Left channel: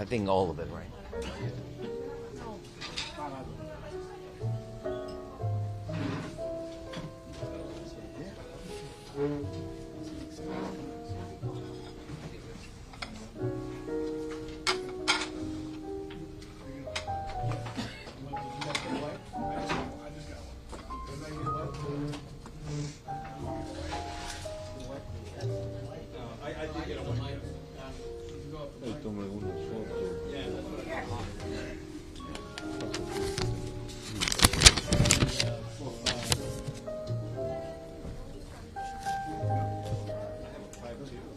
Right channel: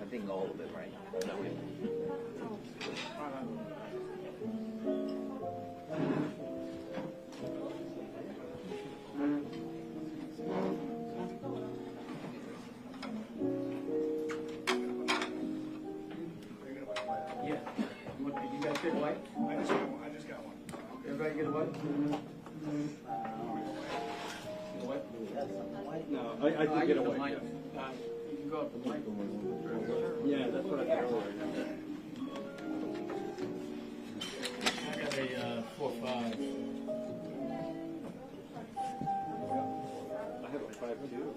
I think all of it, right? I did get a white. Yeah, that's what I got.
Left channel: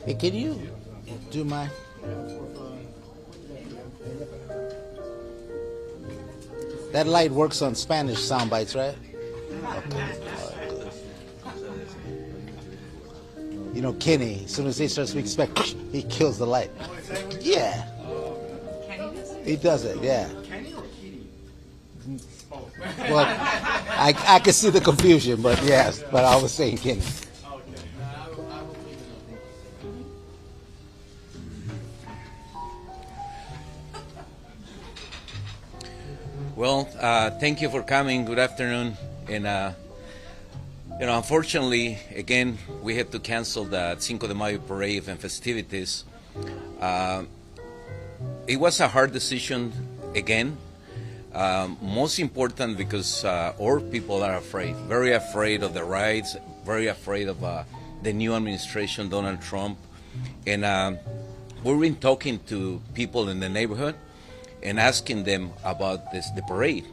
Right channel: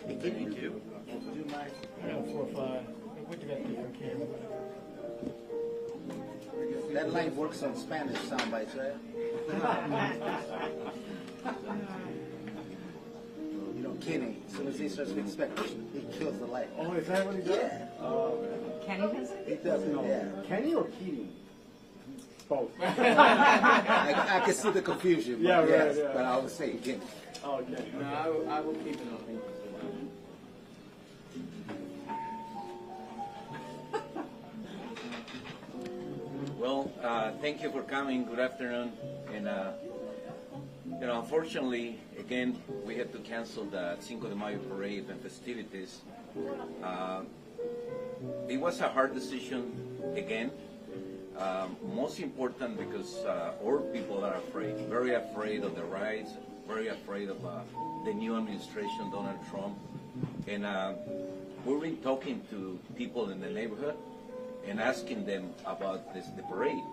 Hey, can you do my? That light works on Spanish sound bites, right? You know, Kenny, as soon as they start speaking Spanish, he kills the light. Oh, is that what Yeah. Kenny does it? He does it, yeah. Kenny or Keating? Both. Well, I can see the confusion, but yes, but I was saying Kenny. Okay. I will keep it on. Well, thank you for coming. Good afternoon. And, unfortunately, again, we had to cancel the Cinco de Mayo parade and festivities. It was a hard decision again. Most important because our people are afraid, very afraid of the riots, very afraid of the new administration, Donald Trump. And we've been talking to people in the neighborhood and asking them about the parade.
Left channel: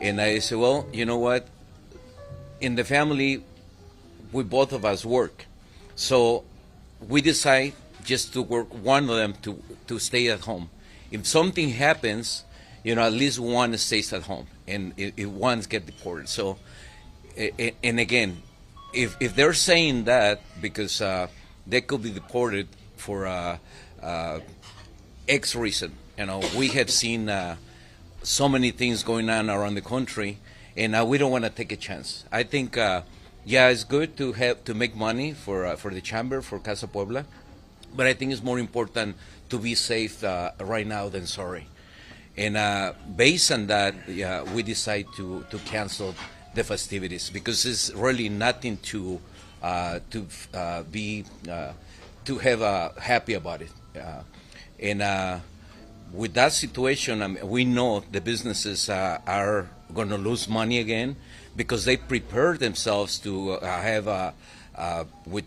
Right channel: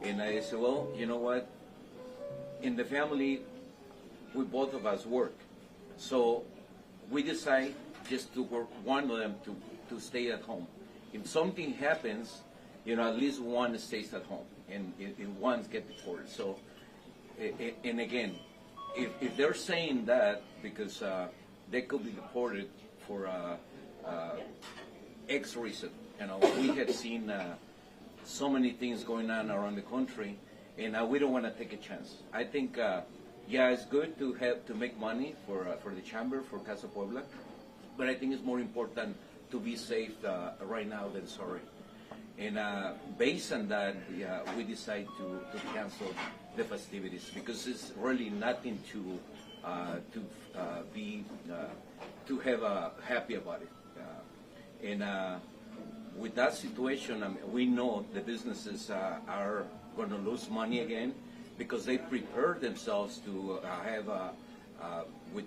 And I said, well, you know what? In the family, we both of us work. So we decide just to work, one of them to stay at home. If something happens, at least one stays at home, and if one gets deported. So, and again, if they're saying that because they could be deported for X reason, we have seen so many things going on around the country, and we don't want to take a chance. I think, it's good to make money for the chamber, for Casa Puebla, but I think it's more important to be safe right now than sorry. And based on that, we decide to cancel the festivities because it's really nothing to have happy about it. And with that situation, we know the businesses are going to lose money again because they prepare themselves to have with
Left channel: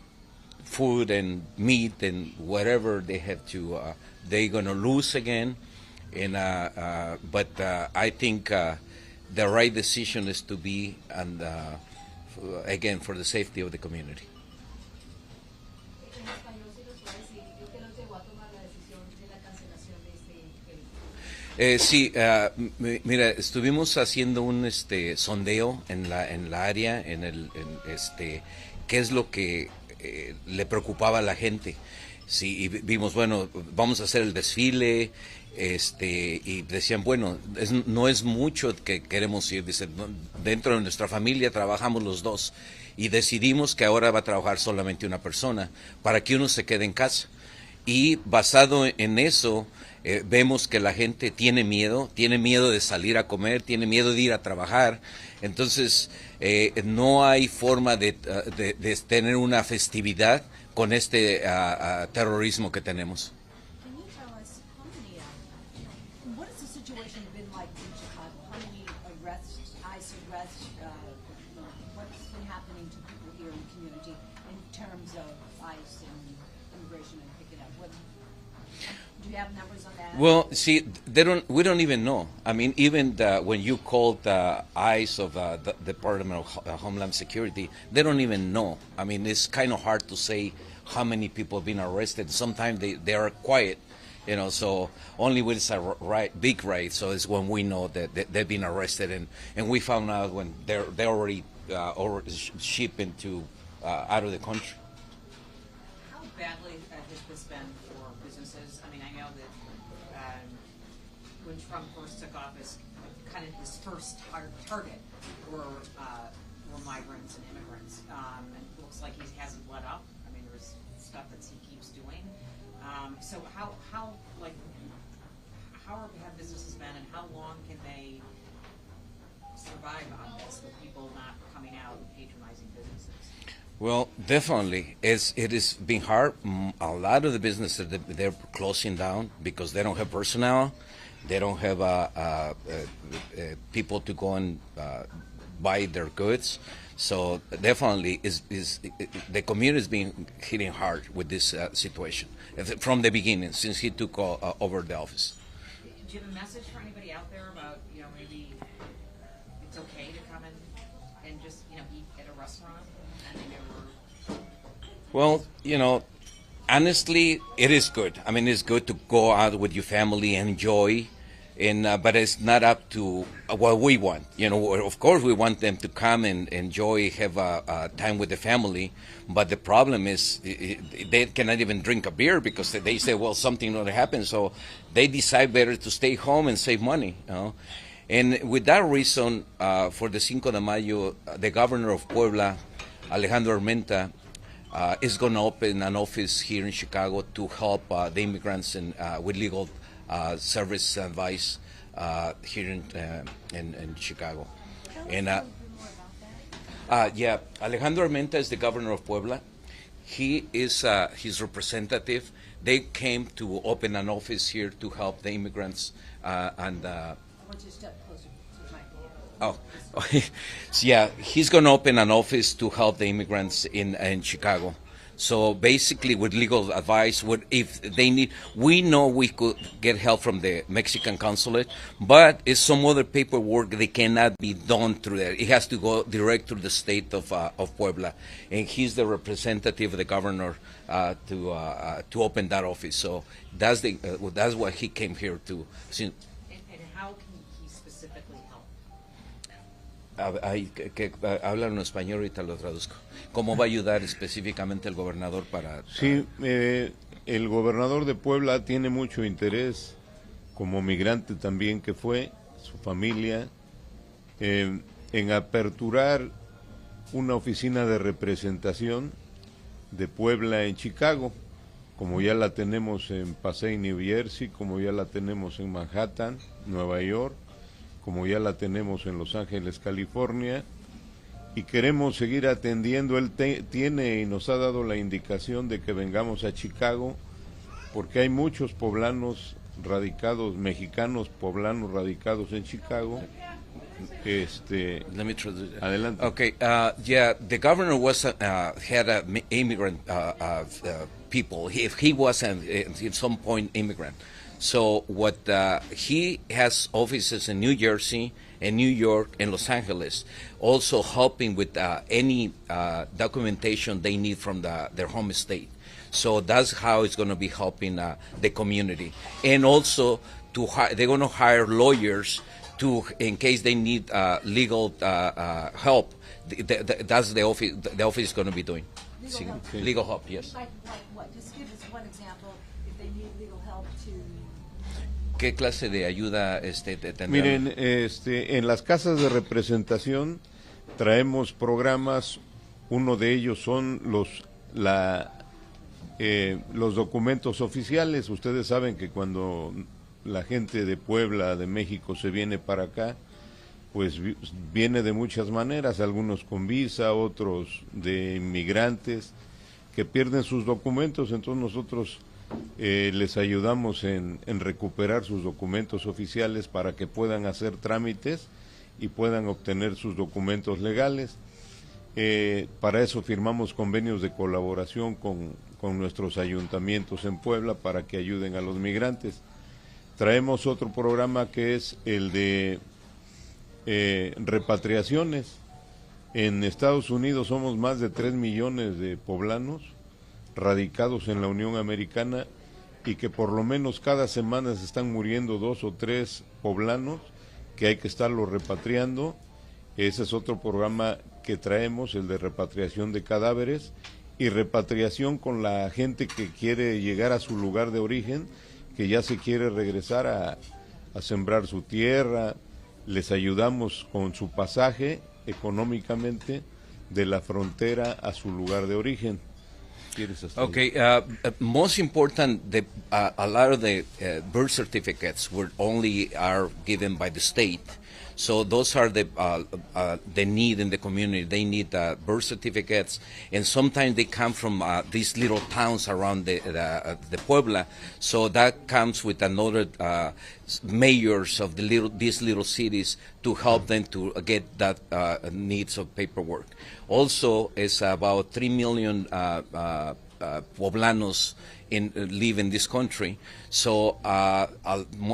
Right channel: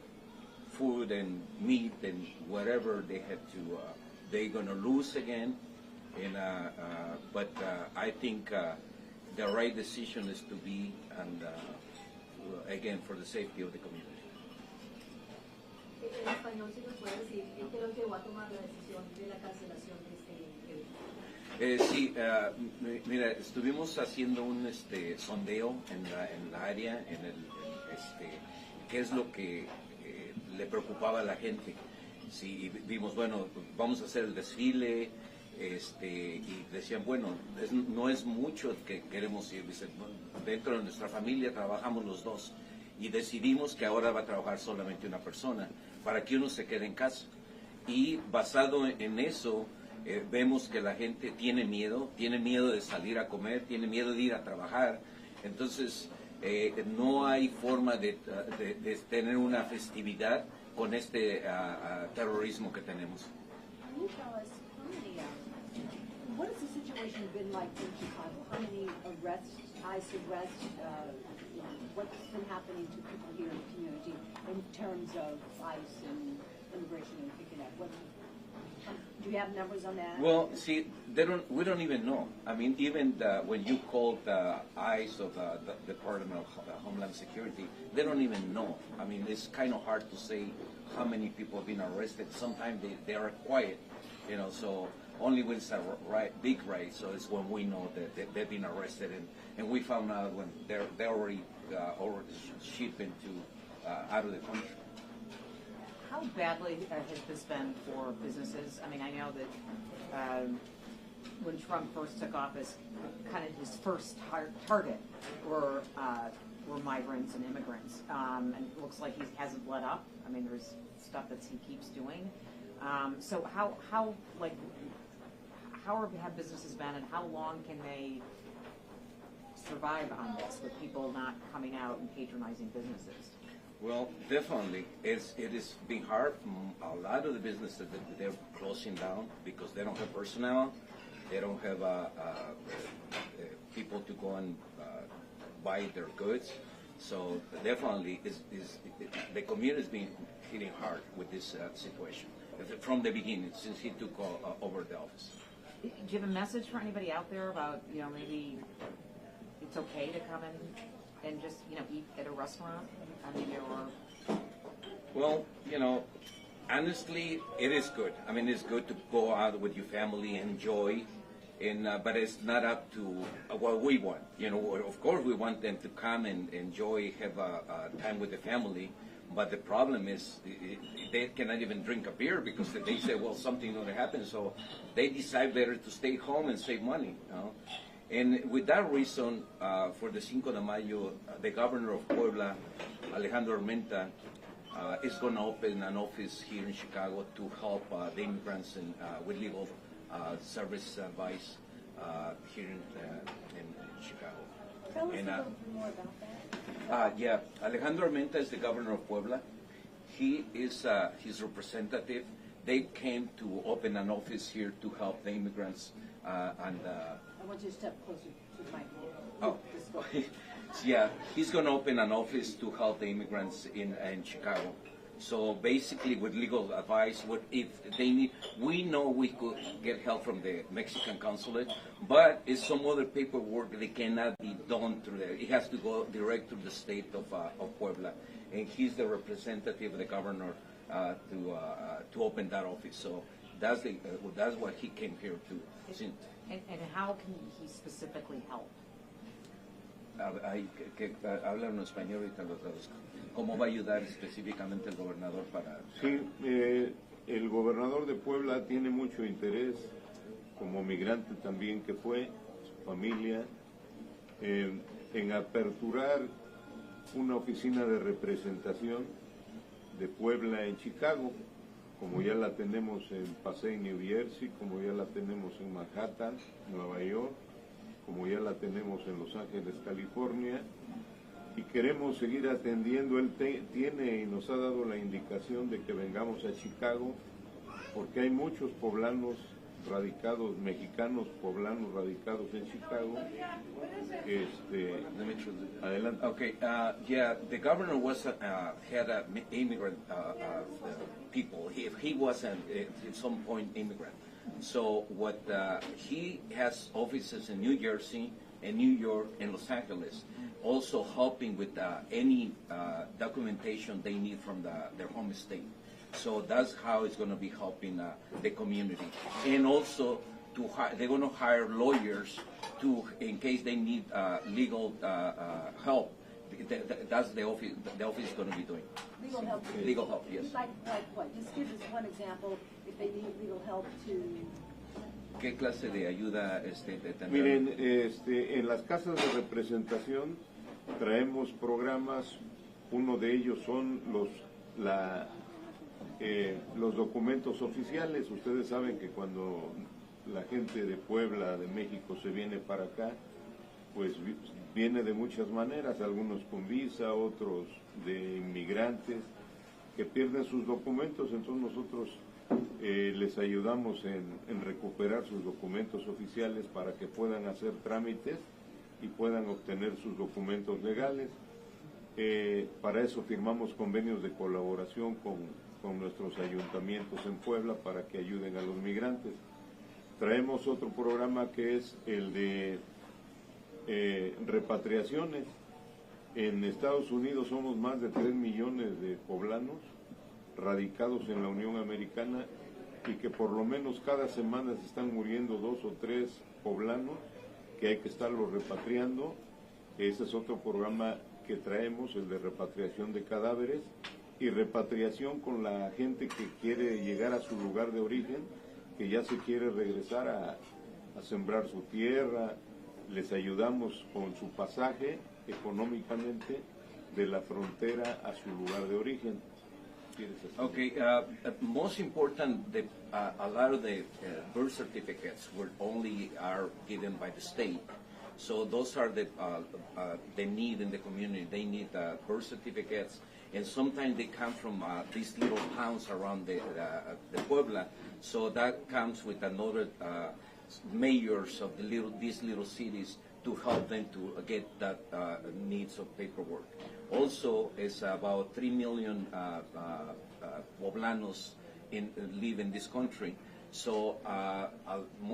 food and meat and whatever they have to. They're going to lose again. And but I think the right decision is to be, and again, for the safety of the community. En español, si nos puede decir qué los llevó a tomar la decisión de la cancelación de este Sí, mira, estuvimos haciendo un sondeo en la área, qué es lo que le preocupaba a la gente. Sí, y vimos, bueno, vamos a hacer el desfile. Y decían, bueno, no es mucho que queremos ir. Dicen, dentro de nuestra familia trabajamos los dos y decidimos que ahora va a trabajar solamente una persona para que uno se quede en casa. Y basado en eso, vemos que la gente tiene miedo de salir a comer, tiene miedo de ir a trabajar. Entonces, no hay forma de tener una festividad con este terrorismo que tenemos. What's been happening to people here in the community in terms of ICE and immigration and picking up? Do you have numbers on that? Well, see, we don't even know. I mean, even when you call the ICE of the Department of Homeland Security, they don't even know. I mean, it's kind of hard to say how many people have been arrested. Sometimes they are quiet, so only when it's a big riot, so it's when we know that they've been arrested, and we found out when they're already shipped into out of the country. How badly has this been for businesses? I mean, I know that when Trump first took office, kind of his first target were migrants and immigrants, and it looks like he hasn't let up. I mean, there's stuff that he keeps doing. So how have businesses been, and how long can they survive on this with people not coming out and patronizing businesses? Well, definitely, it is being hard. A lot of the businesses they're closing down because they don't have personnel, they don't have people to go and buy their goods. So definitely, the community is being hitting hard with this situation from the beginning since he took over the office. Do you have a message for anybody out there about, maybe it's okay to come in and just, eat at a restaurant? Well, honestly, it is good. I mean, it's good to go out with your family and enjoy, but it's not up to what we want. Of course, we want them to come and enjoy, have time with the family. But the problem is they cannot even drink a beer because they say, well, something will happen. So they decide better to stay home and save money. And with that reason, for the Cinco de Mayo, the governor of Puebla, Alejandro Armenta, is going to open an office here in Chicago to help the immigrants with legal service advice here in Chicago. And yeah, Alejandro Armenta is the governor of Puebla. He is his representative. They came to open an office here to help the immigrants I want you to step closer to the mic. Oh, yeah, he's going to open an office to help the immigrants in Chicago. So basically, with legal advice, if they need, we know we could get help from the Mexican consulate, but it's some other paperwork that cannot be done through there. It has to go direct to the state of Puebla, and he's the representative of the governor to open that office. So that's what he came here to. And how can he specifically help? Hablan en español, ahorita lo traduzco. ¿Cómo va a ayudar específicamente el gobernador para...? Sí, el gobernador de Puebla tiene mucho interés, como migrante también que fue, su familia, en aperturar una oficina de representación de Puebla en Chicago, como ya la tenemos en Passaic, New Jersey, como ya la tenemos en Manhattan, Nueva York, como ya la tenemos en Los Ángeles, California, y queremos seguir atendiendo. Él tiene y nos ha dado la indicación de que vengamos a Chicago, porque hay muchos poblanos radicados, mexicanos poblanos radicados en Chicago. Let me try to, Adelante. Okay, yeah, the governor was had a immigrant people. He was at some point immigrant. So what he has offices in New Jersey and New York and Los Angeles, also helping with any documentation they need from their home state. So that's how it's going to be helping the community. And also they're going to hire lawyers in case they need legal help. That's the office. The office is going to be doing Legal help. legal help. Yes. Like what? Just give us one example if they need legal help to. ¿Qué clase de ayuda tendrán? Miren, en las casas de representación traemos programas. Uno de ellos son los documentos oficiales. Ustedes saben que cuando la gente de Puebla, de México, se viene para acá, pues viene de muchas maneras, algunos con visa, otros de inmigrantes que pierden sus documentos. Entonces nosotros les ayudamos en recuperar sus documentos oficiales para que puedan hacer trámites y puedan obtener sus documentos legales. Para eso firmamos convenios de colaboración con nuestros ayuntamientos en Puebla para que ayuden a los migrantes. Traemos otro programa que es el de repatriaciones. En Estados Unidos somos más de 3 millones de poblanos radicados en la Unión Americana, y que por lo menos cada semana se están muriendo 2 o 3 poblanos que hay que estarlos repatriando. Ese es otro programa que traemos, el de repatriación de cadáveres y repatriación con la gente que quiere llegar a su lugar de origen, que ya se quiere regresar a sembrar su tierra. Les ayudamos con su pasaje económicamente de la frontera a su lugar de origen. quieres hasta ahí. Okay, most important, a lot of the birth certificates were only are given by the state. So those are the need in the community. They need birth certificates, and sometimes they come from these little towns around the Puebla. So that comes with another mayors of these little cities to help them to get that needs of paperwork. Also, it's about 3 million Poblanos live in this country. So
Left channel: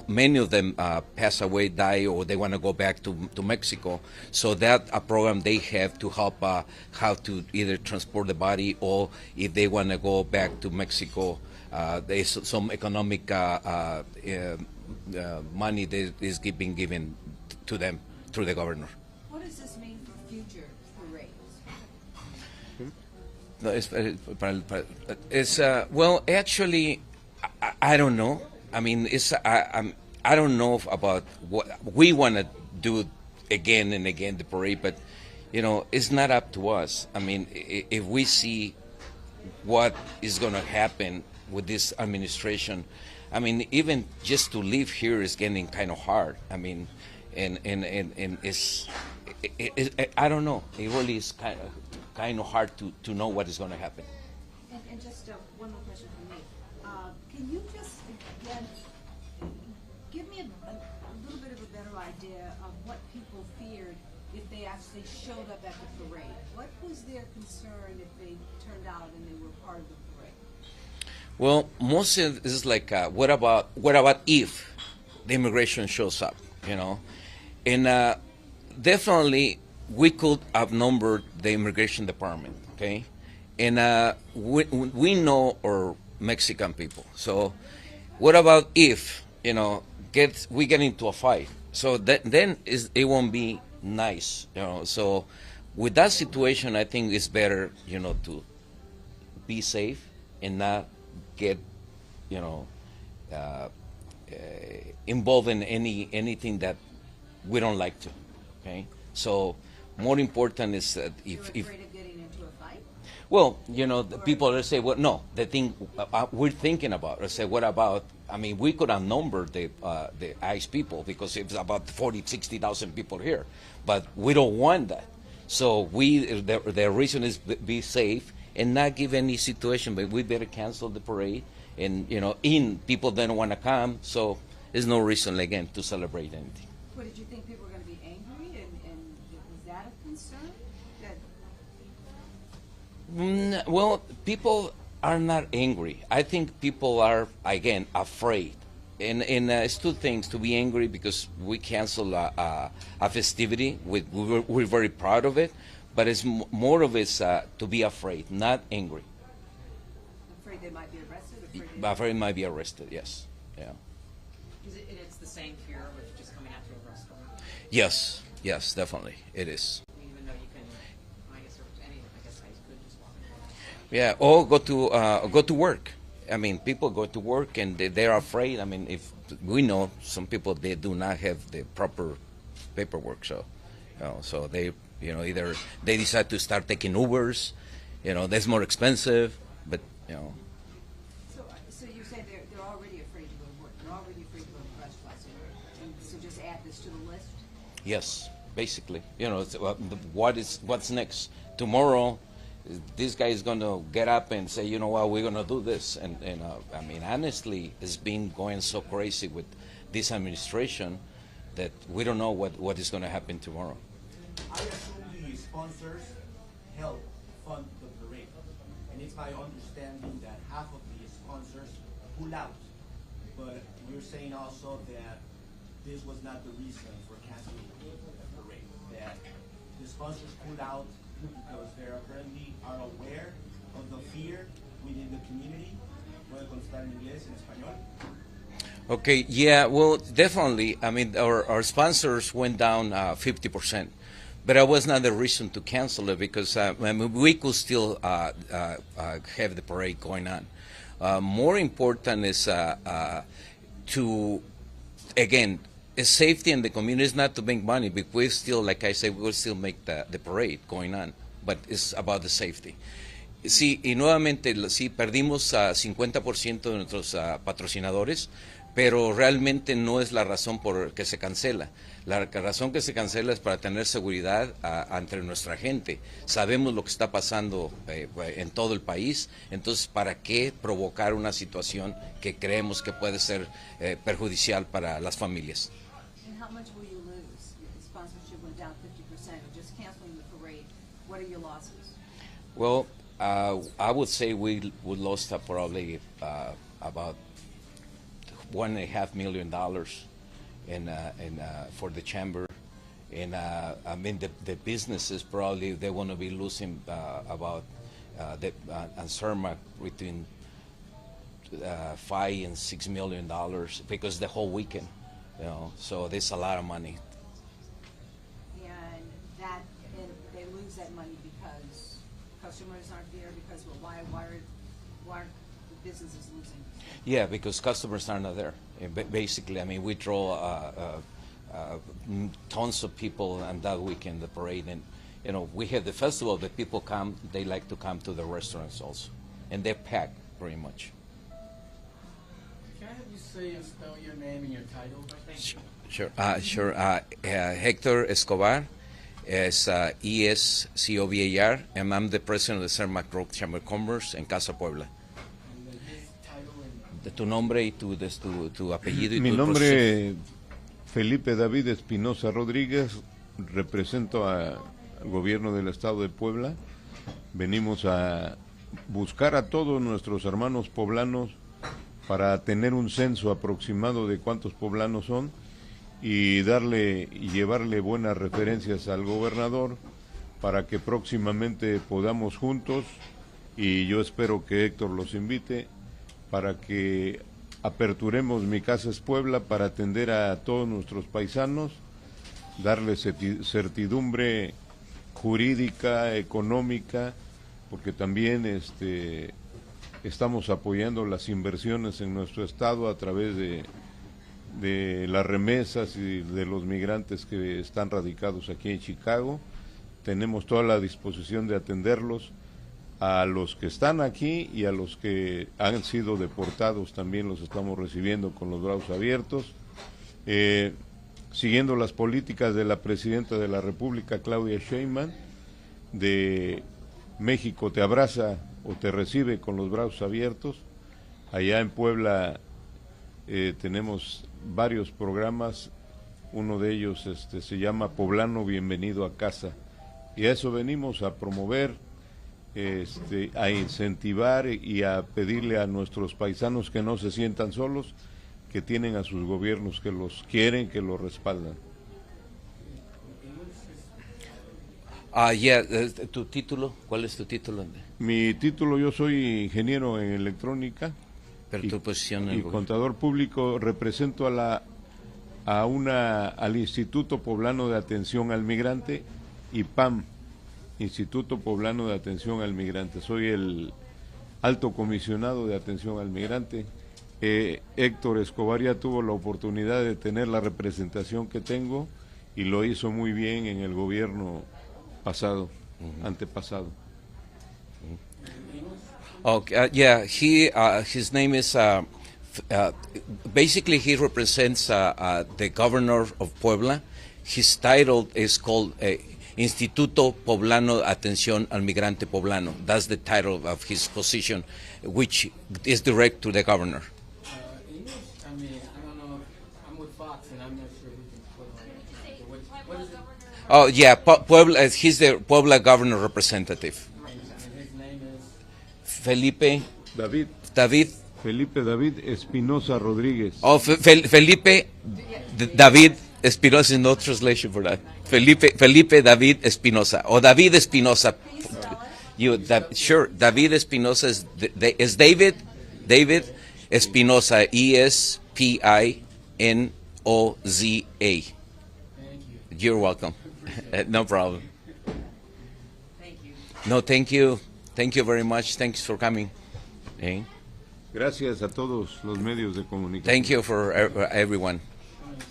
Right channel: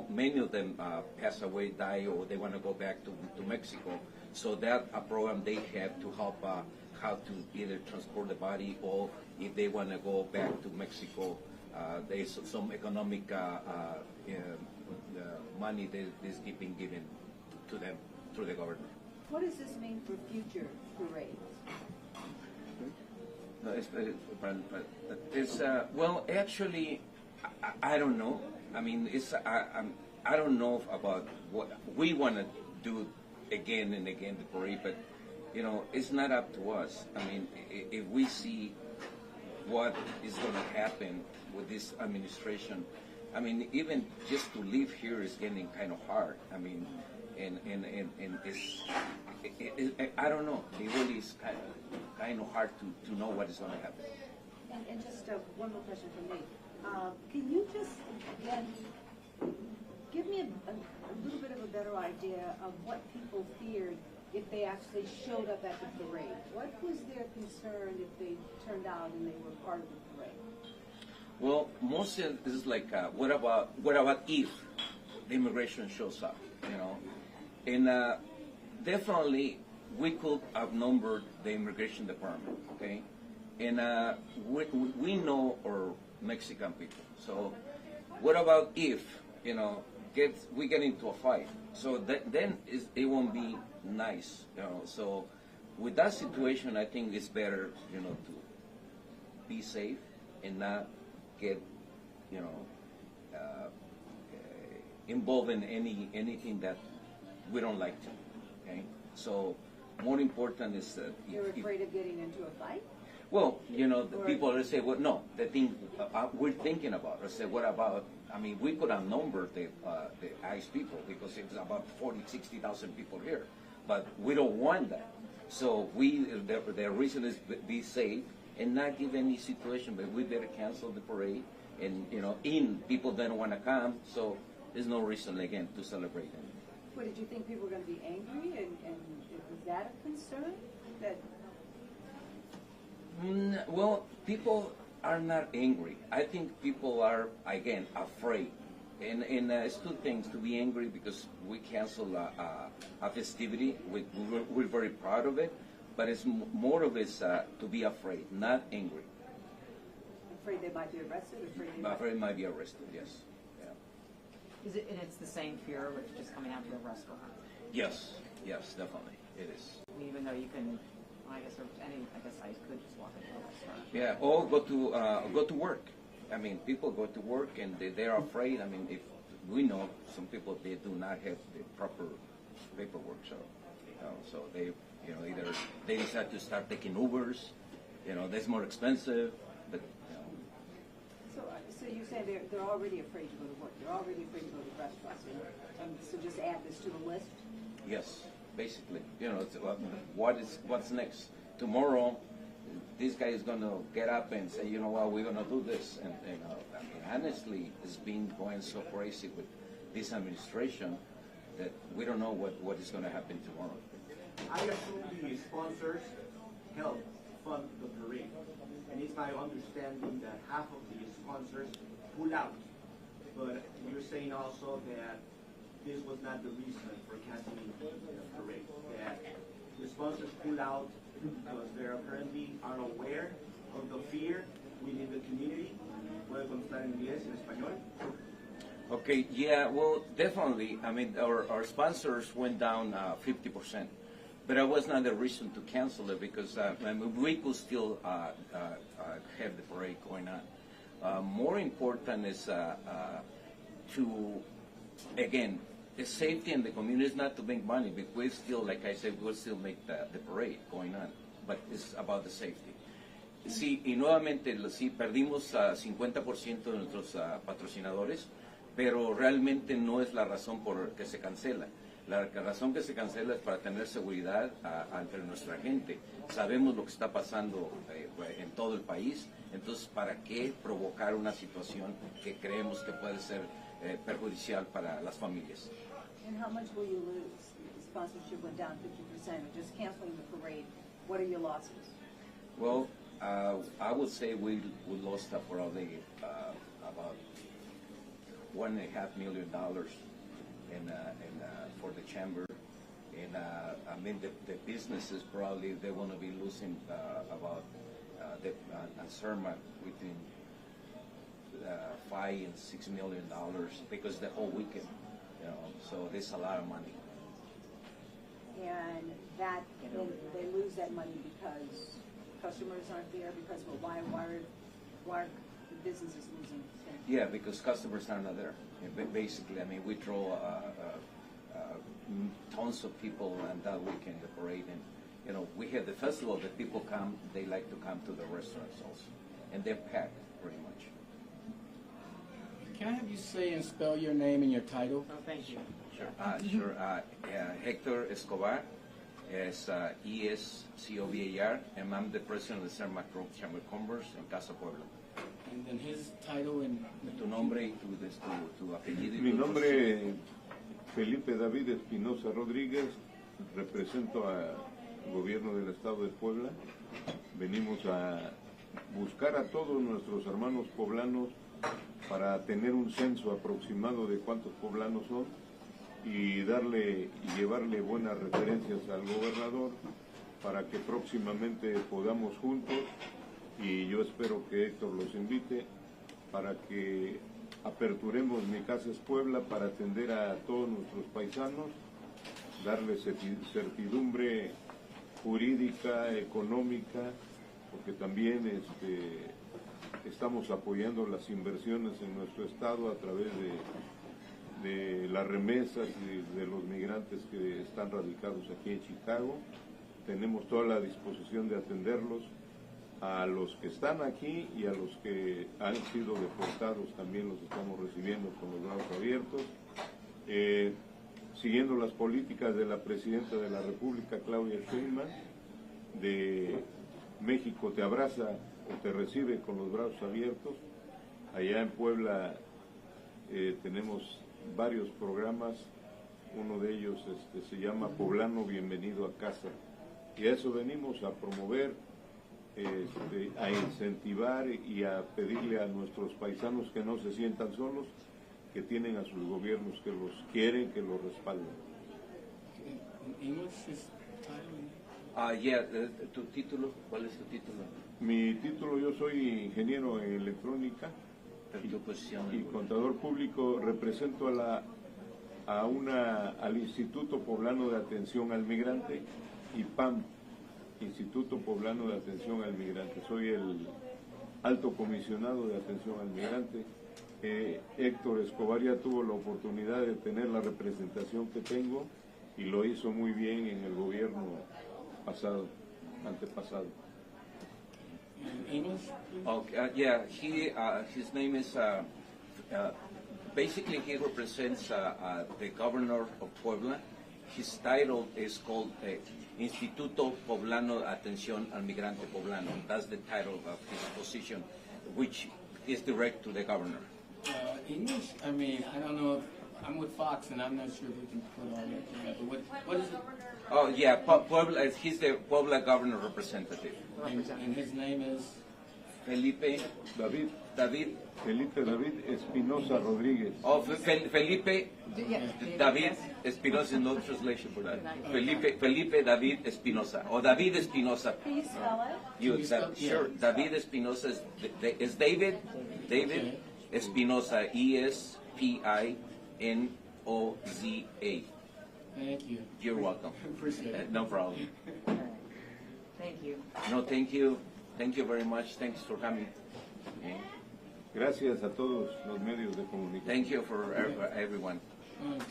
many of them pass away, die, or they want to go back to Mexico. So that a program they have to help how to either transport the body, or if they want to go back to Mexico, there's some economic money that is being given to them through the governor. What does this mean for future parades? No, it's well, actually, I don't know. I mean, I don't know about what we want to do again and again, the parade, but you know, it's not up to us. I mean, if we see what is going to happen with this administration, I mean, even just to live here is getting kind of hard. I mean, and it's I don't know. It really is kind of hard to know what is going to happen. And just one more question from me. Can you just give me a little bit of a better idea of what people feared if they actually showed up at the parade? What was their concern if they turned out and they were part of the parade? Well, most of it is like, what about if the immigration shows up, you know? And definitely we could outnumber the immigration department, okay? And we know our Mexican people. So what about if, you know, we get into a fight? So then it won't be nice, you know? So with that situation, I think it's better, you know, to be safe and not get, you know, involved in anything that we don't like to. Okay, so more important is that You're afraid of getting into a fight? well, you know, the people that say, well, no, the thing we're thinking about, or say, what about? I mean, we could outnumber the ICE people because it's about 60,000 people here, but we don't want that. So the reason is be safe and not give any situation, but we better cancel the parade, and you know, people don't want to come, so there's no reason again to celebrate anything. What, did you think people were going to be angry, and was that a concern? That Well, people are not angry. I think people are, again, afraid. And it's two things: to be angry because we cancel a festivity, we're very proud of it, but it's more of it's to be afraid, not angry. afraid they might be arrested? Afraid might be arrested, yes. Yeah. Is it, and it's the same fear with just coming out to a restaurant, Yes, definitely, it is. even though you can, I guess, I could just walk in. Yeah, or go to work. I mean, people go to work and they're afraid. I mean, if we know some people, they do not have the proper paperwork, so so they, you know, either they decide to start taking Ubers, you know, that's more expensive, but you know. So you say they're already afraid to go to work, they're already afraid to go to restaurants, and so just add this to the list? Yes, basically, you know, what's next tomorrow. This guy is going to get up and say, you know what, we're going to do this. And I mean, honestly, it's been going so crazy with this administration that we don't know what is going to happen tomorrow. I assume the sponsors help fund the parade. And it's my understanding that half of the sponsors pull out. But you're saying also that this was not the reason for canceling the parade. That the sponsors pull out because they apparently are aware of the fear within the community. Puede contestar en inglés, en español. Okay, yeah, well, definitely. I mean, our sponsors went down 50%, but that was not the reason to cancel it because I mean, we could still have the parade going on. More important is to, again, safety in the community is not to make money, but we still, like I said, we'll still make the parade going on, but it's about the safety. Sí, y nuevamente, sí, perdimos a 50% de nuestros patrocinadores, pero realmente no es la razón por que se cancela. La razón que se cancela es para tener seguridad entre nuestra gente. Sabemos lo que está pasando en todo el país, entonces, ¿para qué provocar una situación que creemos que puede ser perjudicial para las familias? And how much will you lose? If sponsorship went down 50%, or just canceling the parade, what are your losses? Well, I would say we would lost probably about $1.5 million for the chamber, and I mean the businesses probably they want to be losing about and CERMA between $5 and $6 million because the whole weekend, you know. So there's a lot of money. And that, then they lose that money because customers aren't there, because, well, why are businesses losing? Yeah, because customers are not there. Basically, I mean, we draw tons of people on that weekend, the parade, and you know, we have the festival. The people come; they like to come to the restaurants also, and they're packed pretty much. Can I have you say and spell your name and your title? Sure. Hector Escobar is ESCOVAR, and I'm the president of the Cermak Road Chamber of Commerce in Casa Puebla. And then his title and Tu nombre y tu apellido y Mi tu nombre Felipe David Espinosa Rodríguez, represento al gobierno del estado de Puebla. Venimos a buscar a todos nuestros hermanos poblanos para tener un censo aproximado de cuántos poblanos son y llevarle buenas referencias al gobernador para que próximamente podamos juntos, y yo espero que Héctor los invite, para que aperturemos Mi Casa es Puebla para atender a todos nuestros paisanos, darles certidumbre jurídica, económica, porque también estamos apoyando las inversiones en nuestro estado a través de las remesas y de los migrantes que están radicados aquí en Chicago. Tenemos toda la disposición de atenderlos, a los que están aquí y a los que han sido deportados también los estamos recibiendo con los brazos abiertos, siguiendo las políticas de la presidenta de la República, Claudia Sheinbaum, de México te abraza o te recibe con los brazos abiertos. Allá en Puebla tenemos varios programas, uno de ellos se llama Poblano Bienvenido a Casa, y a eso venimos, a promover, a incentivar y a pedirle a nuestros paisanos que no se sientan solos, que tienen a sus gobiernos que los quieren, que los respaldan. ¿Tu título? ¿Cuál es tu título? Mi título, yo soy ingeniero en electrónica. Pero tu posición y contador público. Represento al Instituto Poblano de Atención al Migrante, IPAM, Instituto Poblano de Atención al Migrante. Soy el alto comisionado de atención al migrante. Héctor Escobar ya tuvo la oportunidad de tener la representación que tengo y lo hizo muy bien en el gobierno pasado, antepasado. His name is, basically he represents the governor of Puebla. His title is called Instituto Poblano de Atención al Migrante Poblano. That's the title of his position, which is direct to the governor. English? I mean, I don't know. I'm with Fox, and I'm not sure who can put on it. What is it? Oh yeah, Puebla. He's the Puebla governor representative. And his name is? Felipe David. Felipe David Espinosa Rodríguez. Oh, Felipe David Espinosa is no translation for that. Felipe David Espinosa or David Espinosa. Sure. David Espinosa is David Espinosa, ESPINOZA. Thank you. You're welcome. No problem. Thank you. No, thank you. Thank you very much. Thanks for coming. Gracias a todos los medios de comunicación. Thank you for everyone. Thanks.